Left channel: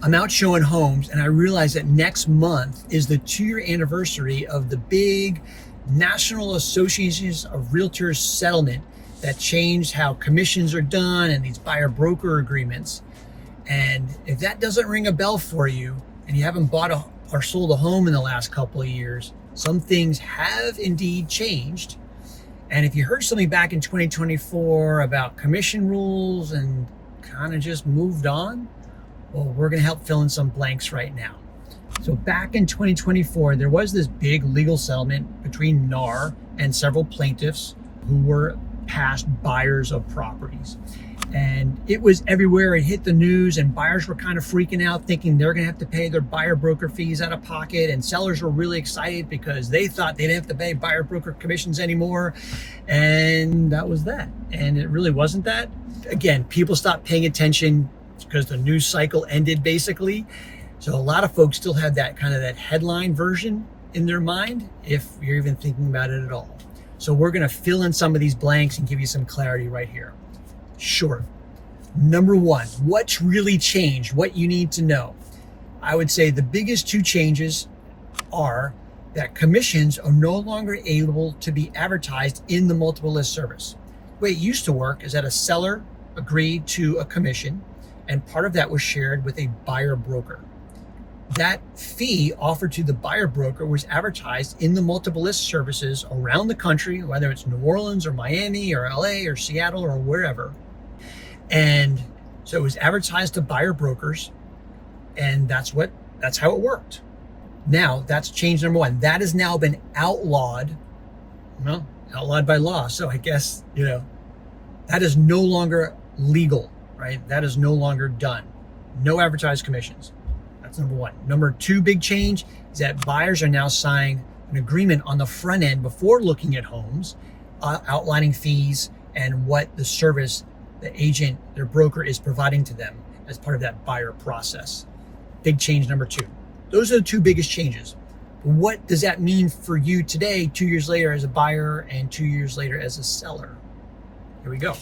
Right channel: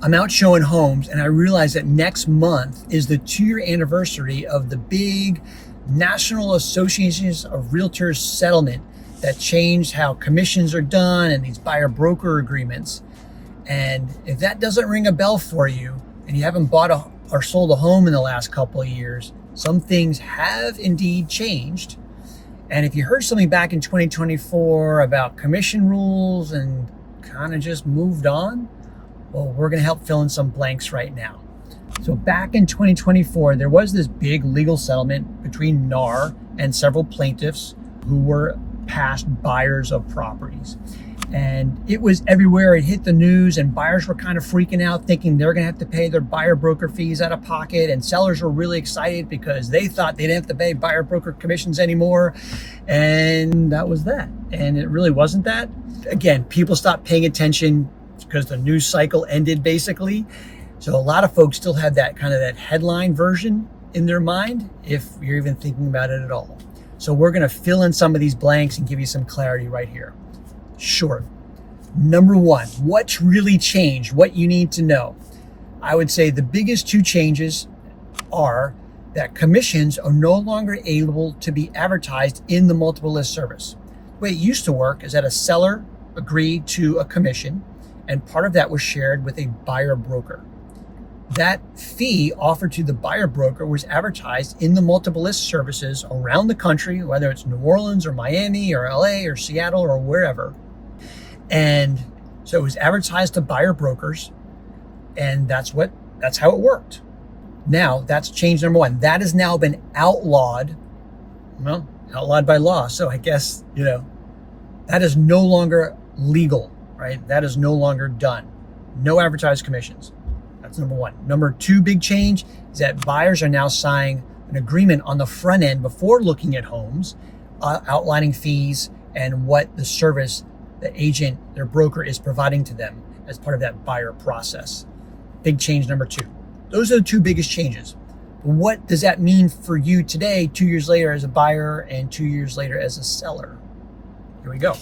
I'm out showing homes and I realize that next month is the 2-year anniversary of the big National Associations of Realtors settlement that changed how commissions are done and these buyer broker agreements. And if that doesn't ring a bell for you and you haven't bought or sold a home in the last couple of years, some things have indeed changed. And if you heard something back in 2024 about commission rules and kind of just moved on, well, we're going to help fill in some blanks right now. So back in 2024, there was this big legal settlement between NAR and several plaintiffs who were past buyers of properties. And it was everywhere. It hit the news and buyers were kind of freaking out, thinking they're going to have to pay their buyer broker fees out of pocket. And sellers were really excited because they thought they didn't have to pay buyer broker commissions anymore. And that was that. And it really wasn't that. Again, people stopped paying attention because the news cycle ended basically. So a lot of folks still have that kind of that headline version in their mind, if you're even thinking about it at all. So we're going to fill in some of these blanks and give you some clarity right here. Sure. Number one, what's really changed? What you need to know. I would say the biggest two changes are that commissions are no longer able to be advertised in the multiple list service. The way it used to work is that a seller agreed to a commission, and part of that was shared with a buyer broker. That fee offered to the buyer broker was advertised in the multiple list services around the country, whether it's New Orleans or Miami or LA or Seattle or wherever. And so it was advertised to buyer brokers, and that's how it worked. Now that's change number one. That has now been outlawed, outlawed by law. So I guess, that is no longer legal, right? That is no longer done. No advertised commissions. That's number one. Number two big change is that buyers are now signing an agreement on the front end before looking at homes, outlining fees and what the service the agent, their broker, is providing to them as part of that buyer process. Big change number two. Those are the two biggest changes. What does that mean for you today, 2 years later as a buyer and 2 years later as a seller? Here we go.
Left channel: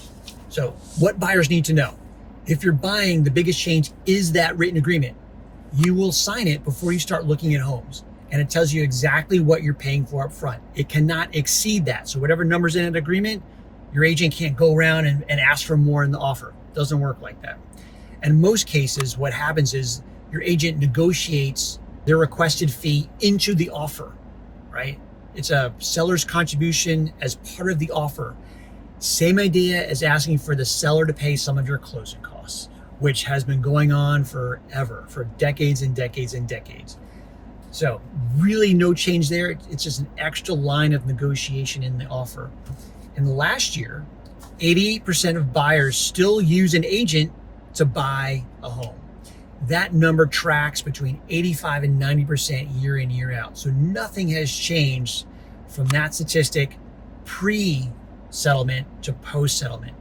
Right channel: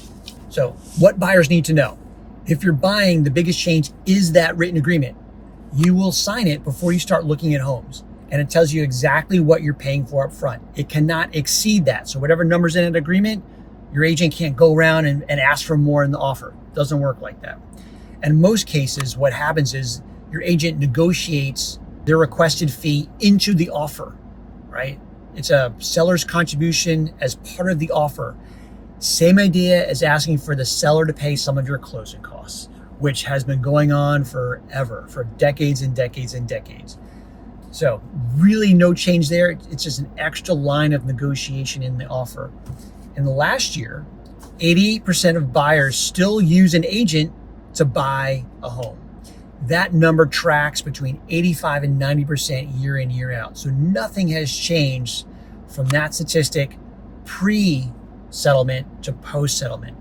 So what buyers need to know. If you're buying, the biggest change is that written agreement. You will sign it before you start looking at homes. And it tells you exactly what you're paying for up front. It cannot exceed that. So whatever number's in an agreement, your agent can't go around and ask for more in the offer. It doesn't work like that. And in most cases, what happens is your agent negotiates their requested fee into the offer, right? It's a seller's contribution as part of the offer. Same idea as asking for the seller to pay some of your closing costs, which has been going on forever, for decades and decades and decades. So really no change there. It's just an extra line of negotiation in the offer. In the last year, 88% of buyers still use an agent to buy a home. That number tracks between 85 and 90% year in, year out. So nothing has changed from that statistic pre-settlement to post-settlement.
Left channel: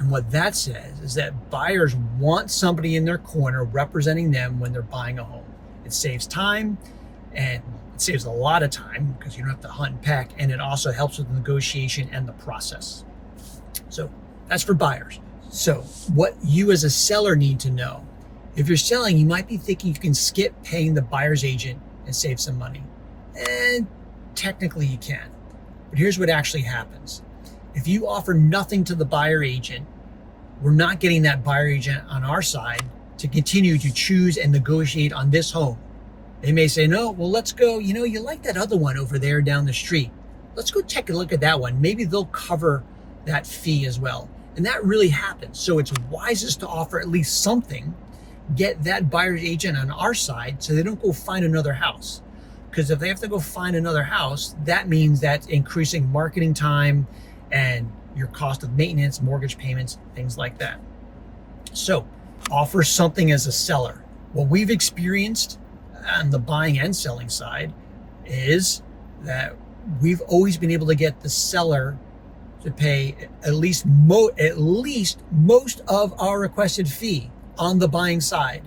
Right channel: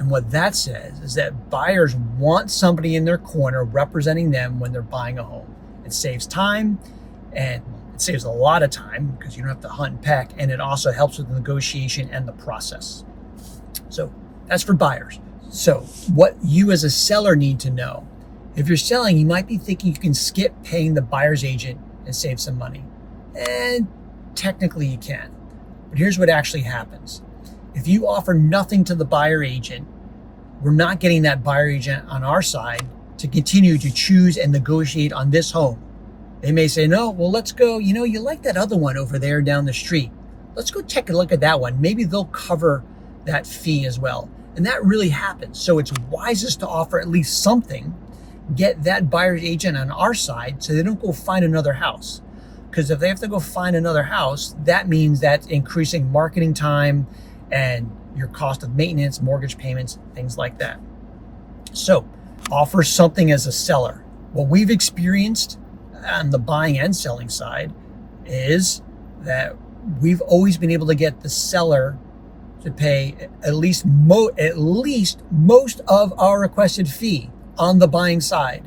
And what that says is that buyers want somebody in their corner representing them when they're buying a home. It saves time, and it saves a lot of time because you don't have to hunt and peck, and it also helps with the negotiation and the process. So that's for buyers. So what you as a seller need to know, if you're selling, you might be thinking you can skip paying the buyer's agent and save some money. And technically you can. But here's what actually happens. If you offer nothing to the buyer agent, we're not getting that buyer agent on our side to continue to choose and negotiate on this home. They may say, no, well, let's go. You like that other one over there down the street. Let's go take a look at that one. Maybe they'll cover that fee as well. And that really happens. So it's wisest to offer at least something, get that buyer's agent on our side so they don't go find another house. Because if they have to go find another house, that means that's increasing marketing time and your cost of maintenance, mortgage payments, things like that. So offer something as a seller. What we've experienced on the buying and selling side is that we've always been able to get the seller to pay at least most of our requested fee on the buying side.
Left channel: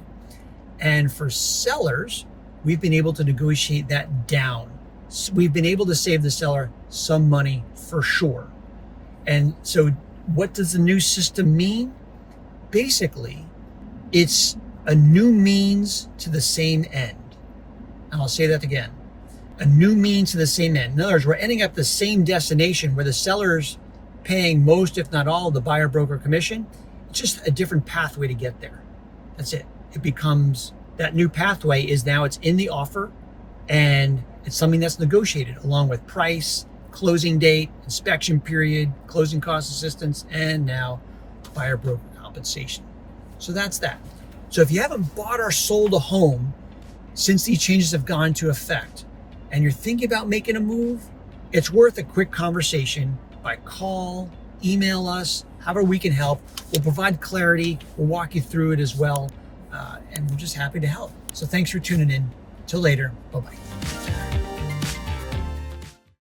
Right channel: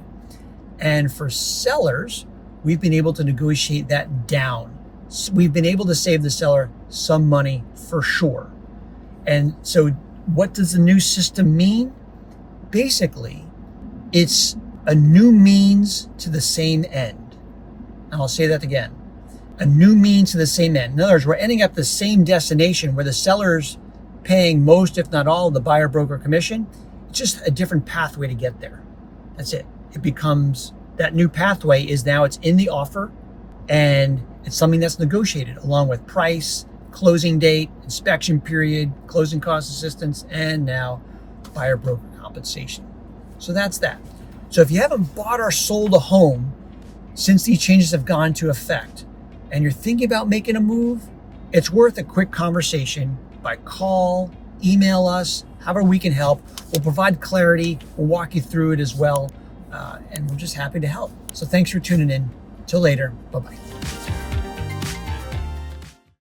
And for sellers, we've been able to negotiate that down. We've been able to save the seller some money for sure. And so what does the new system mean? Basically, it's a new means to the same end. And I'll say that again. A new means to the same end. In other words, we're ending up the same destination where the seller's paying most, if not all, of the buyer broker commission. It's just a different pathway to get there. That's it. It becomes, that new pathway is now it's in the offer, and it's something that's negotiated along with price, closing date, inspection period, closing cost assistance, and now buyer broker compensation. So that's that. So if you haven't bought or sold a home since these changes have gone into effect, and you're thinking about making a move, it's worth a quick conversation by call, email us, however we can help. We'll provide clarity, we'll walk you through it as well, and we're just happy to help. So thanks for tuning in. Till later, bye-bye.